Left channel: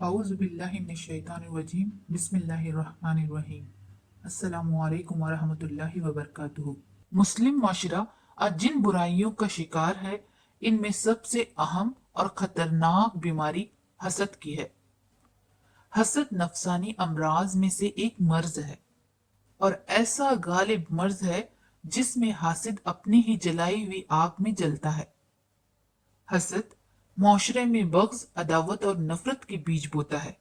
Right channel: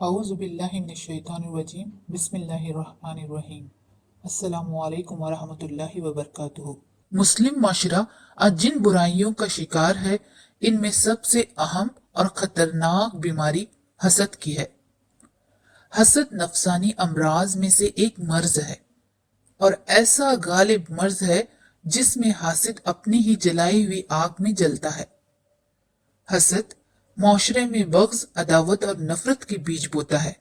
औज़ुबिल्लाहिमिनश्शैतानिर्रजीम बिस्मिल्लाहिर्रहमानिर्रहीम अस्सलामु अलैकुम वरहमतुल्लाहि वबरकातुहू। मुस्लिम माशरा आज जिन बुराइयों का शिकार है, इनमें सबसे अहम और खतरनाक बीमारी हसद की है। हसद नफसानी अमराज में से एक मर्ज है और ऐसा गालिब मर्ज है जिसमें हासिद अपनी ही जलाई हुई आग में जलता है। हसद माशरे में बग़्ज़, अदावत और नफरत के बीज बोता है।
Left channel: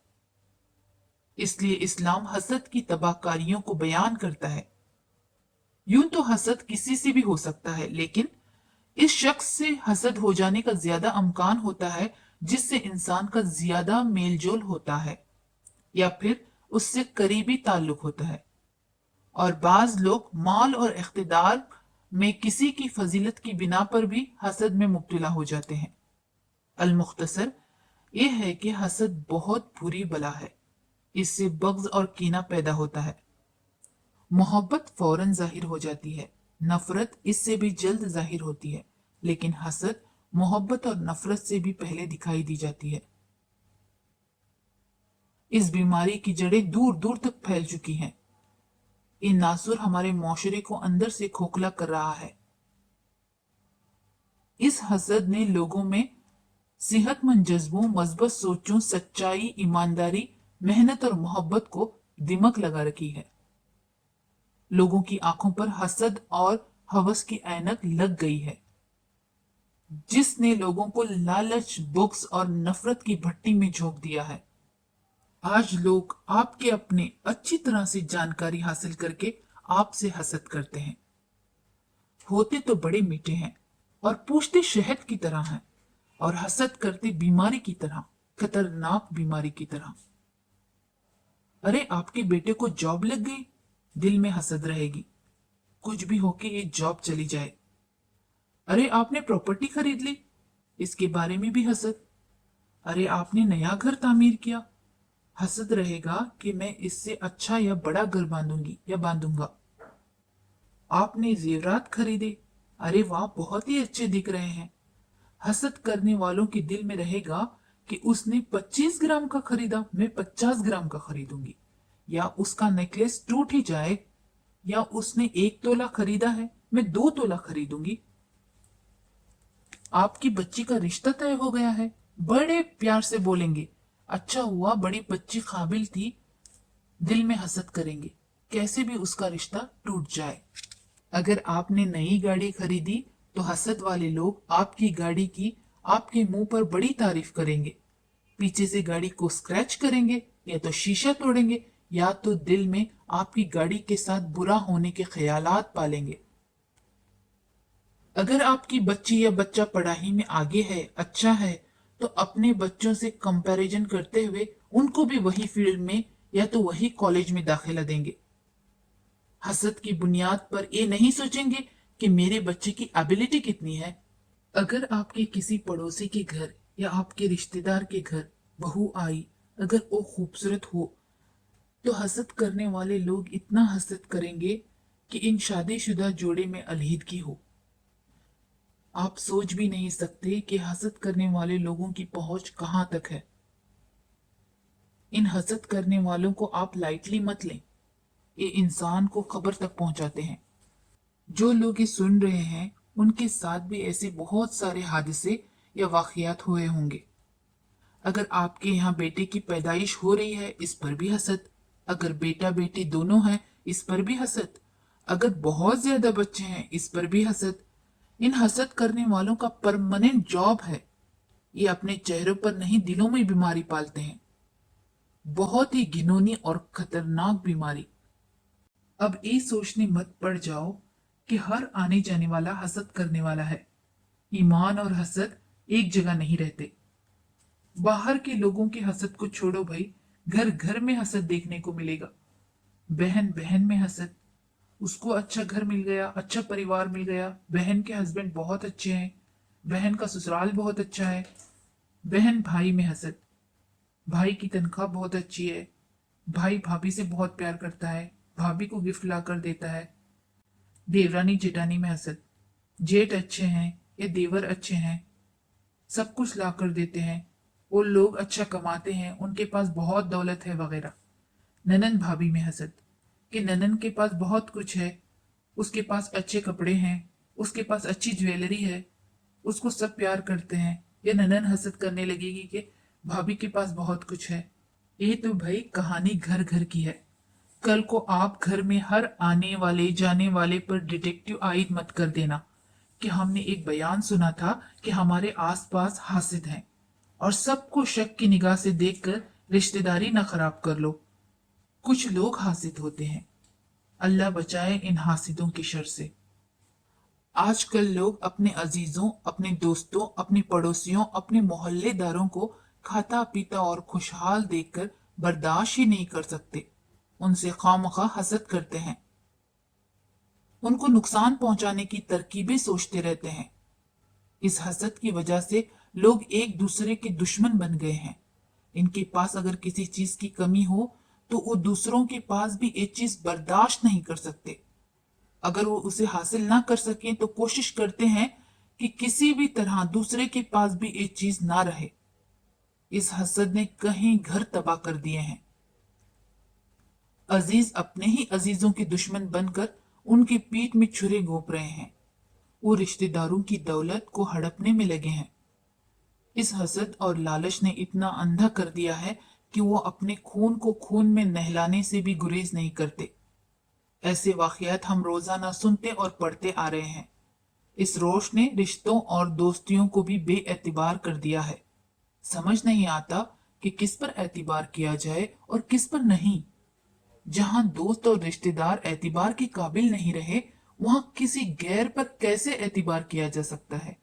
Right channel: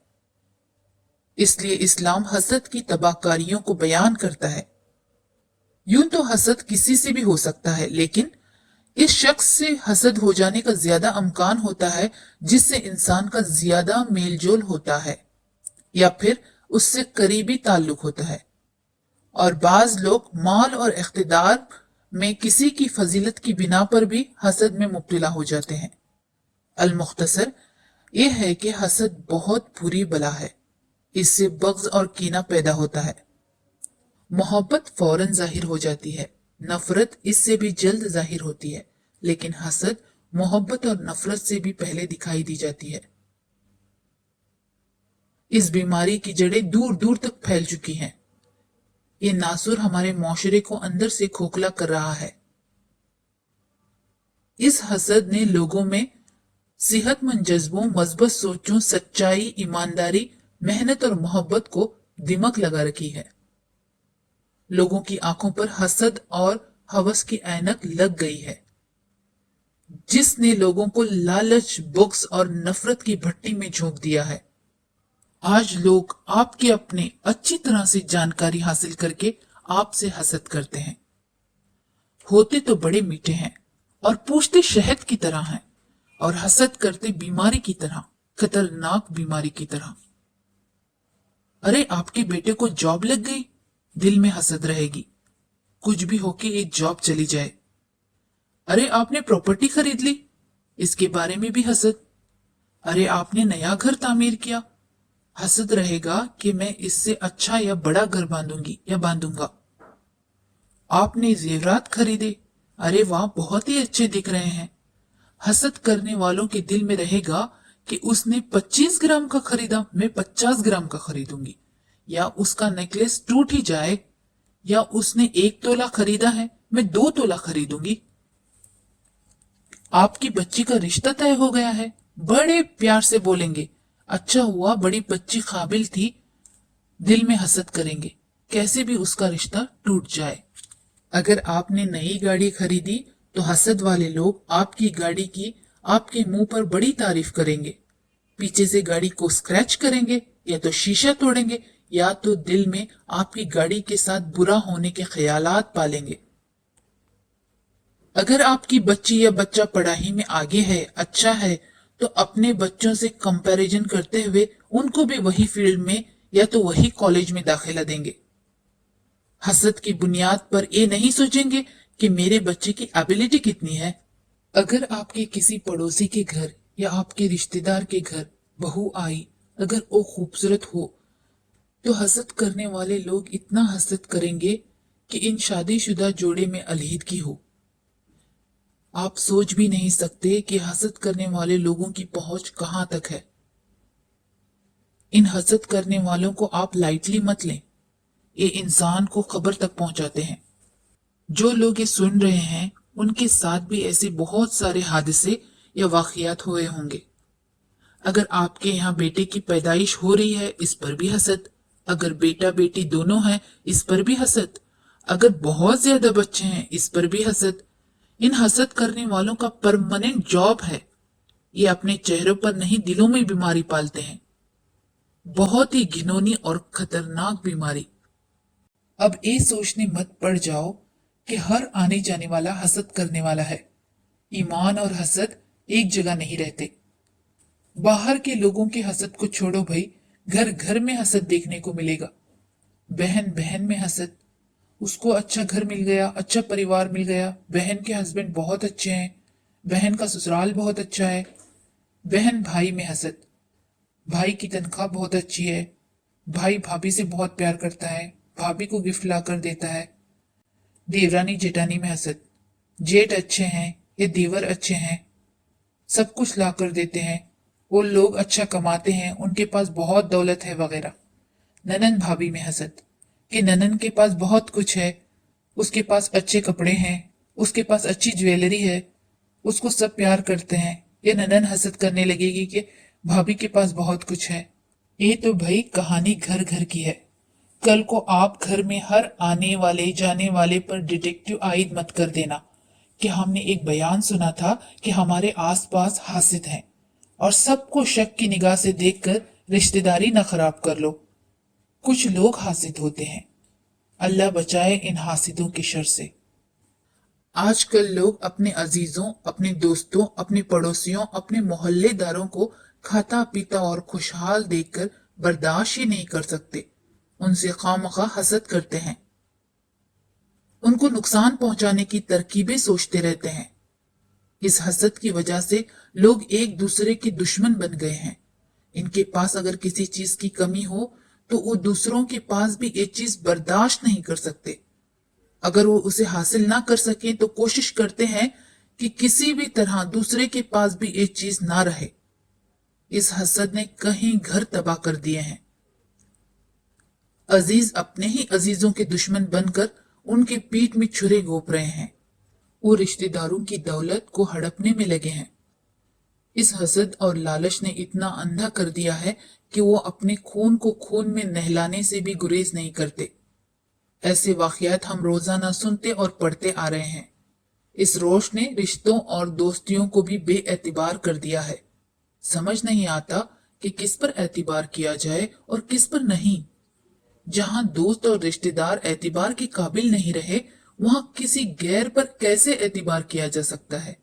इसलिए इस्लाम हसद की तबाहकारियों को बयान करता है। यूं तो हसद किसी से भी हो सकता है, लेकिन इस शख्स से हसद हो जाने का ज्यादा अमकान होता है जिससे इंसान का ज्यादा मेलजोल होता है या फिर उससे करीबी ताल्लुक होता है। और बाज लोग माल और इख्तिदार में किसी की फजीलत की बिना पर भी हसद में मुब्तला हो जाते हैं। अल मुख्तसर यह है कि हसद बहुत बुरी बला है। इससे बग़्ज़ और कीना पैदा होता है। मोहब्बत फौरन जाहिर हो जाती है, नफरत इससे भी जल्द जाहिर होती है, लेकिन हसद मोहब्बत और नफरत से भी पहले दिखाई दी जाती है। इस बीमारी की जड़ें दूर दूर तक फैल चुकी हैं। ये नासुर हमारे माशरे को अंदर से खोखला कर रहा है। इस हसद ने लोगों में सेहतमंद जज्बों, मजबूत सोचों, सच्चाई, ईमानदारी, मेहनत और मोहब्बत को दिमक लगा रखी है। लोगों की आंखों पर हसद और हवस की ऐनक लग गई है, जिसने लोगों को लालच, बुग़्ज़ और नफरत की भट्टी में झोंक दिया है। आज लोग आपके अपने अच्छी तरह से जानकारी हासिल करके आपसे हसद करते हैं। होते तो बड़े मीठे हैं और पूछते शहद की तरह हैं, और हसद करते बीमारी की तरह, खतरनाक बीमारी की तरह। अरे आपके बेटे को जॉब लग गई, दिल में हसद रहेगी। कुछ भी होके एक जॉब चली जाए। अरे आपने प्रॉपर्टी खरीद ली, इसके बारे में भी हसद। अरे आपने नया घर तामीर किया, हसद रहेगा कि मैं इससे अच्छा या बड़ा घर बांधूंगी या बांधूंगा। आपने जेवरात खरीदे, अरे वाह बहुत ही अच्छे दिख रहे हैं। हसद करने वालों के दिल में रहेगा कि उसने 25 ग्राम का खरीदा, मैं 50 ग्राम का खरीदूंगी। या उसका नेकलेस टूट ही जाए, या उसने 1 तोला खरीदा है, मैं 2 तोला खरीदूंगी। आपकी बच्ची का रिश्ता तय हो गया है, बड़े प्यार से बोलेंगे, अच्छा हुआ बड़ी बच्ची काबिल थी। दिल में हसद करेंगे, कैसे भी उसका रिश्ता टूट जाए। अगर आपने नई गाड़ी खरीदी तो हसद वाले लोग आपकी गाड़ी की आपके मुंह पर बड़ी तारीफ करेंगे। पीछे से गाड़ी को स्क्रैच करेंगे, या तो शीशा तोड़ेंगे, या तो दिल में आपकी गाड़ी के साथ बुरा होने के ख्यालात पालेंगे। अगर आपकी बच्ची या बच्चा पढ़ाई में आगे है, अच्छा है, तो अपने बच्चों से कंपैरिजन करते हुए उनको भी वही फील्ड में या तो वही कॉलेज में दाखिला देंगे। हसद की बुनियाद पर ये नहीं सोचेंगे कि मेरे बच्चे की एबिलिटी कितनी है। अगर आपके किसी पड़ोसी के घर या आपके रिश्तेदार के घर बहू आई, अगर वो खूबसूरत हो, तो हसद करने वाले लोग इतना हसद करेंगे कि इन शादीशुदा जोड़े में अलहीदगी हो। आप सोच भी नहीं सकते कि हसद करने वाले लोगों की पहुंच कहां तक है। इन हसद करने वालों को आप लाइटली मत लें, ये इंसान को खबर तक पहुंचाते हैं। जो लोग ये सुन रहे हैं, उनके साथ भी ऐसे बहुत सारे हादसे या वाकयात हुए होंगे। अगर आपके यहाँ बेटे की पैदाइश हो रही है, इस पर भी हसद। अगर बेटा बेटी दोनों हैं, इस पर भी हसद। अगर बहुत ज्यादा बच्चे हैं, इस पर भी हसद। इन हसद करने वालों का परमानेंट जॉब है। ये अपने चेहरों पर नहीं, दिलों में बीमारी पालते हैं। बहुत ही घिनौनी और खतरनाक बीमारी। अब ये सोचने मत पड़ जाओ कि हर आने जाने वाला हसद करने वाला है। ईमान और हसद एक जगह नहीं रहते। बाहर के लोगों के हसद को छोड़ो भाई, घर घर में हसद देखने को मिलेगा। बहन बहन में हसद, उसको अच्छा घर मिल गया, अच्छा परिवार मिल गया, बहन के हस्बैंड बहुत अच्छे हैं, बहन का ससुराल बहुत अच्छा है। बहन भाई में हसद, भाई की तनख्वाह बहुत अच्छी है, भाई भाभी से बहुत प्यार करता है, भाभी को गिफ्ट लाकर देता है। देवरानी जेठानी में हसद, जेठ अच्छे हैं या देवर अच्छे हैं, सब कुछ ला कर देते हैं। वो लोग अच्छा कमाते हैं, उनके पास बहुत दौलत है वगैरह। ननन भाभी में हसद कि ननन के पास बहुत कुछ है, उसके पास अच्छे कपड़े हैं, उसके पास अच्छी ज्वेलरी है, उसको सब प्यार करते हैं। ये ननन हसद करने लगेगी कि भाभी के पास बहुत कुछ है। ये तो भाई कहानी घर घर की है। कल को आप घर में हर आने वाले जाने वाले पर डिटेक्टिव आइड मत कर देना कि हमने एक बयान सुना था कि हमारे आसपास हासिद हैं, और सबको शक की निगाह से देखकर रिश्तेदारी न खराब कर लो। कुछ लोग हासिद होते हैं, अल्लाह बचाए इन हासिदों के शर से। आजकल लोग अपने अजीजों, अपने दोस्तों, अपने पड़ोसियों, अपने मोहल्लेदारों को खाता पीता और खुशहाल देखकर बर्दाश्त ही नहीं कर सकते। उनसे खामखा हसद करते हैं, उनको नुकसान पहुंचाने की तरकीबें सोचते रहते हैं। इस हसद की वजह से लोग एक दूसरे के दुश्मन बन गए हैं। इनके पास अगर किसी चीज की कमी हो तो वो दूसरों के पास भी ये चीज बर्दाश्त नहीं कर सकते। अगर वो उसे हासिल ना कर सकें तो कोशिश करते हैं कि किसी भी तरह दूसरे के पास भी ये चीज ना रहे। इस हसद ने कहीं घर तबाह कर दिए हैं। अजीज अपने ही अजीजों के दुश्मन बनकर उनके पीठ में छुरे घोंप रहे हैं। वो रिश्तेदारों की दौलत को हड़पने में लगे हैं। इस हसद और लालच ने इतना अंधा कर दिया है कि वो अपने खून को खून में नहलाने से भी गुरेज नहीं करते। ऐसे वाकयात हम रोजाना सुनते और पढ़ते आ रहे हैं। इस रोश ने रिश्तों और दोस्तियों को भी बेएतिबार कर दिया है। समझ नहीं आता कि किस पर एतिबार किया जाए और किस पर नहीं। जहां दोस्त और रिश्तेदार एतिबार के काबिल नहीं रहे, वहां किसी गैर पर कैसे एतिबार किया जा सकता है।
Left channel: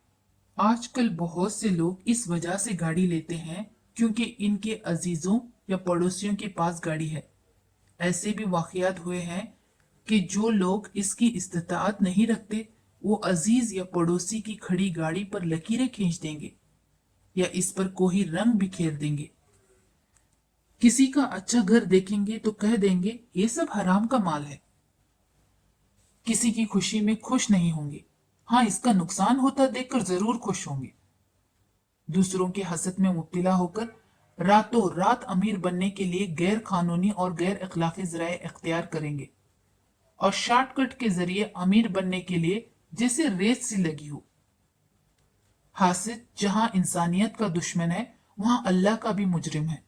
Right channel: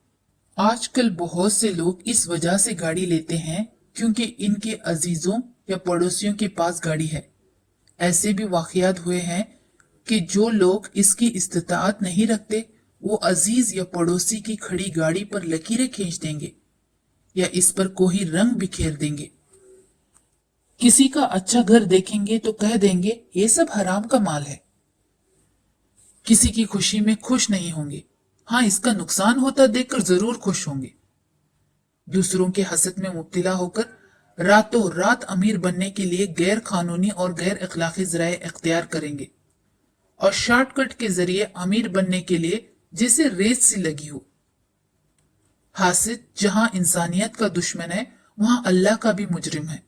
आजकल बहुत से लोग इस वजह से गाड़ी लेते हैं क्योंकि इनके अजीजों या पड़ोसियों के पास गाड़ी है। ऐसे भी वाकयात हुए हैं कि जो लोग इसकी इस्तिताअत नहीं रखते, वो अजीज या पड़ोसी की खड़ी गाड़ी पर लकीरें खींच देंगे या इस पर कोई रंग बिखेर देंगे। किसी का अच्छा घर देखेंगे तो कह देंगे ये सब हराम का माल है। किसी की खुशी में खुश नहीं होंगे, हाँ इसका नुकसान होता देखकर जरूर खुश होंगे। दूसरों के हसद में मुब्तिला होकर रातों रात अमीर बनने के लिए गैर कानूनी और गैर अखलाकी जराए इख्तियार करेंगे, और शॉर्टकट के जरिए अमीर बनने के लिए जिसे रेस सी लगी हो। हासिद जहां इंसानियत का दुश्मन है, वहां अल्लाह का भी मुजरिम है,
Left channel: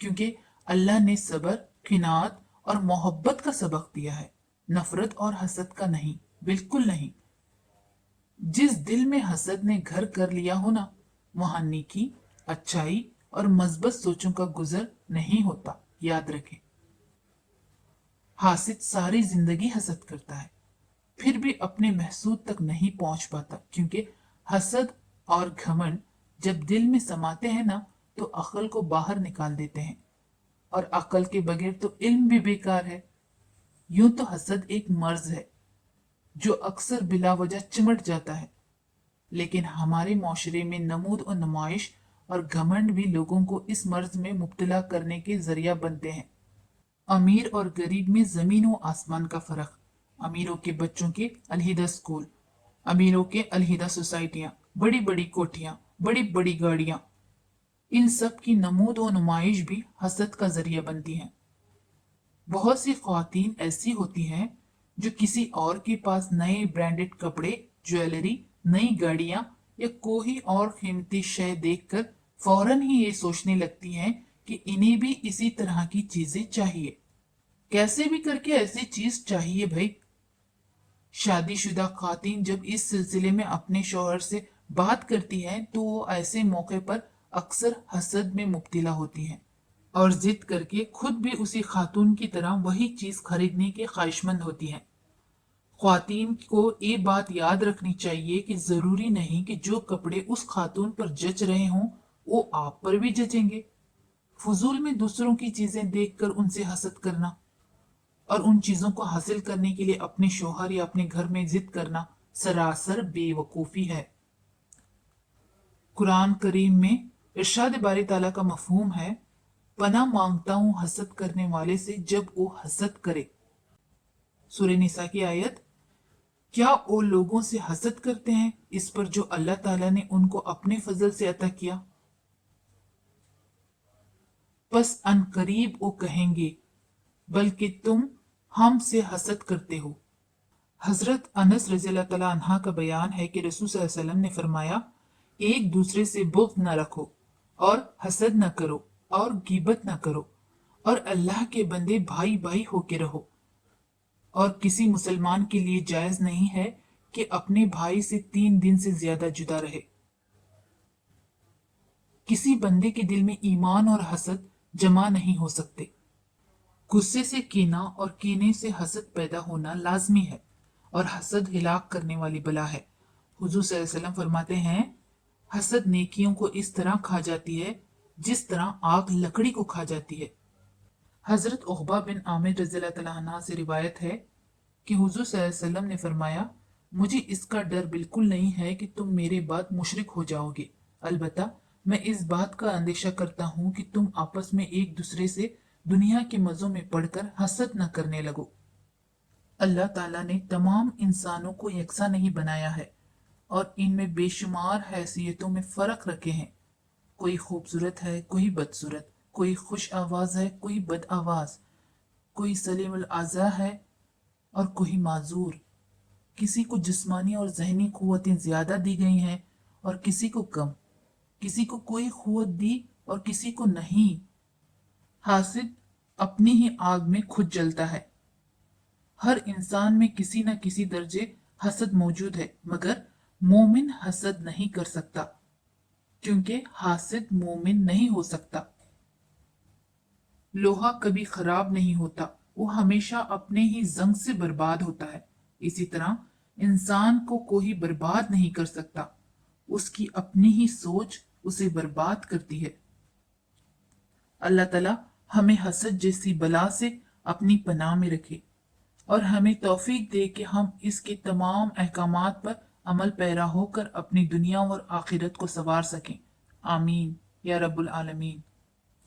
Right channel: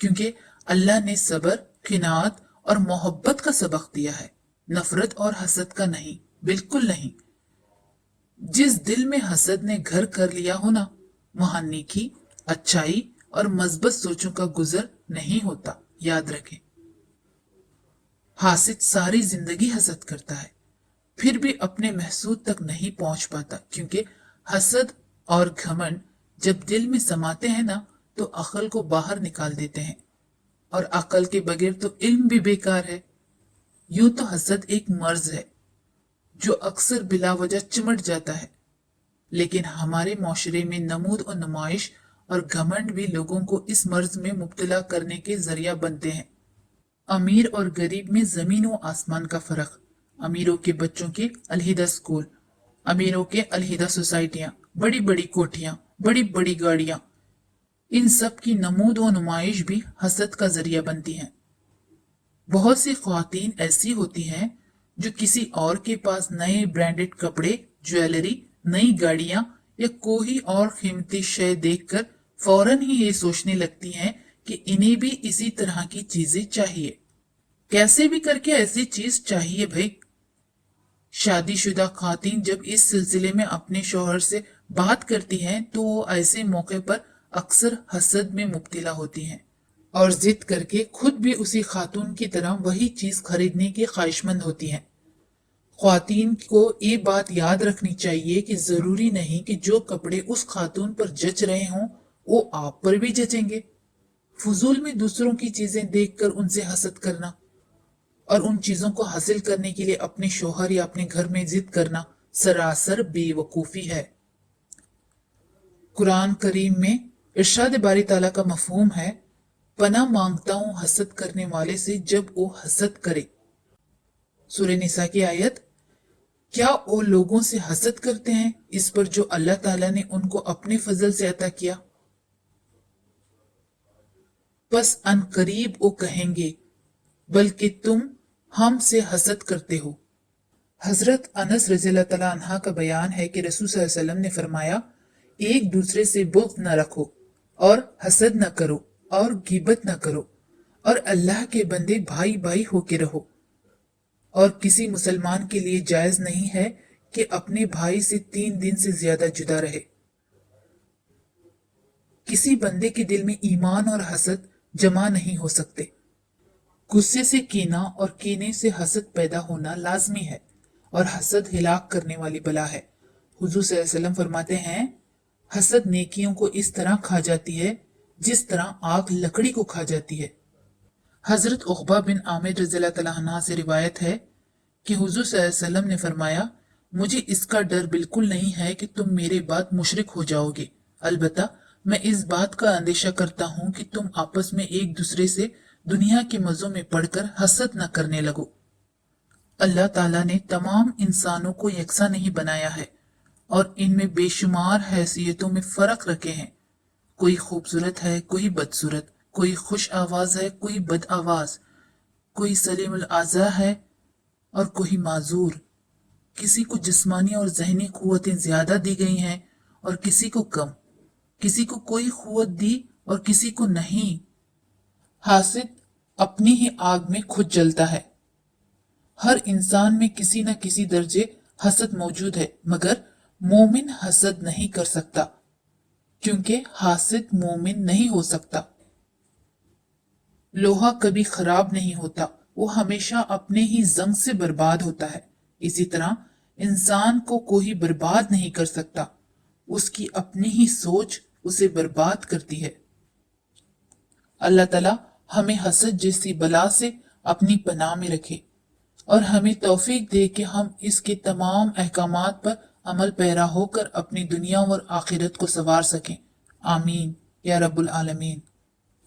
क्योंकि अल्लाह ने सब्र, किनात और मोहब्बत का सबक दिया है, नफरत और हसद का नहीं, बिल्कुल नहीं। जिस दिल में हसद ने घर कर लिया हो ना, वहां नेकी, अच्छाई और मजबूत सोचों का गुजर नहीं होता, याद रखें। हासिद सारी जिंदगी हसद करता है, फिर भी अपने महसूद तक नहीं पहुंच पाता, क्योंकि हसद और घमंड जब दिल में समाते हैं ना, तो अकल को बाहर निकाल देते हैं, और अकल के बगैर तो इल्म भी बेकार है। यूं तो हसद एक मर्ज है जो अक्सर बिला वजह चिमट जाता है, लेकिन हमारे माशरे में नमूद और नुमाइश और घमंड भी लोगों को इस मर्ज में मुब्तला करने के जरिया बनते हैं। अमीर और गरीब में जमीन व आसमान का फर्क। अमीरों के बच्चों के अलहिदा स्कूल, अमीरों के अलहिदा सोसाइटियां, बड़ी बड़ी कोठियां, बड़ी बड़ी गाड़ियां, इन सब की नमूद व नुमाइश भी हसद का जरिया बनती हैं। बहुत सी ख्वातीन ऐसी होती हैं जो किसी और के पास नए ब्रांडेड कपड़े, ज्वेलरी, नई गाड़ियां या कोई और कीमती शय देखकर फौरन ही ये सोचने लगती हैं कि इन्हें भी इसी तरह की चीजें चाहिए। कैसे भी करके ऐसी चीज चाहिए भाई। शादीशुदा खातून जब इस सिलसिले में अपने शोहर से बात करती हैं तो वो ऐसे मौके पर अक्सर हसद में मुब्तिला होती हैं और जिद करके खुद भी उसी खातून की तरह वही चीज खरीदने की ख्वाहिशमंद होती हैं। ख्वातीन को ये बात याद रखनी चाहिए कि जरूरी नहीं कि जो कपड़े उस खातून पर जच रहे हों वो आप पर भी जचेंगे। फजूल में दूसरों की चीजें देखकर उनसे हसद करना और उन चीजों को हासिल करने के लिए अपने शोहर या अपने घर में जिद करना सरासर बेवकूफी है। कुरान करीम में इरशाद बारी ताला का मफहूम है, पनाह मांगता हूं हसद करने वाले से जब वो हसद करे। सूरह निसा की आयत, क्या वो लोगों से हसद करते हैं इस पर जो अल्लाह ताला ने उनको अपने फजल से अता किया। बस अनकरीब वो कहेंगे, बल्कि तुम हमसे हसद करते हो। हजरत अनस रज़ियल्लाहु तआला अन्हा का बयान है कि रसूल सल्लल्लाहु अलैहि वसल्लम ने फरमाया, एक दूसरे से बुग़्ज़ न रखो और हसद न करो और गीबत न करो, और अल्लाह के बंदे भाई भाई होके रहो। और किसी मुसलमान के लिए जायज नहीं है कि अपने भाई से 3 दिन से ज्यादा जुदा रहे। किसी बंदे के दिल में ईमान और हसद जमा नहीं हो सकते। गुस्से से कीना और कीने से हसद पैदा होना लाजमी है, और हसद हिलाक करने वाली बला है। हुजूर सल्लल्लाहु अलैहि वसल्लम फरमाते हैं, हसद नेकियों को इस तरह खा जाती है जिस तरह आग लकड़ी को खा जाती है। हजरत उक़बा बिन आमिर रज़ियल्लाहु तआला अन्हु से रिवायत है कि हुजूर सल्लल्लाहु अलैहि वसल्लम ने फरमाया, मुझे इसका डर बिल्कुल नहीं है कि तुम मेरे बाद मुशरिक हो जाओगे, अलबत्ता मैं इस बात का अंदेशा करता हूँ कि तुम आपस में एक दूसरे से दुनिया के मजों में पढ़कर हसद न करने लगो। अल्लाह ताला ने तमाम इंसानों को यकसा नहीं बनाया है और इनमें बेशुमार हैसियतों में फर्क रखे हैं। कोई खूबसूरत है, कोई बदसूरत, कोई खुश आवाज है, कोई बद आवाज, कोई सलीमुल आज़ा है और कोई माजूर। किसी को जिस्मानी और जहनी कुव्वतें ज्यादा दी गई हैं और किसी को कम, किसी को कोई कुव्वत दी और किसी को नहीं। हासिद अपनी ही आग में खुद जलता है। हर इंसान में किसी न किसी दर्जे हसद मौजूद है, मगर मोमिन हसद नहीं कर सकता, क्योंकि हासिद मोमिन नहीं हो सकता। लोहा कभी खराब नहीं होता, वो हमेशा अपने ही जंग से बर्बाद होता है। इसी तरह इंसान को कोई बर्बाद नहीं कर सकता, उसकी अपनी ही सोच उसे बर्बाद करती है। अल्लाह ताला हमें हसद जैसी बला से अपनी पनाह में रखे और हमें तौफीक दे कि हम इसके तमाम अहकामात पर अमल पैरा होकर अपनी दुनिया और आखिरत को संवार सकें। आमीन या रब्बुल आलमीन।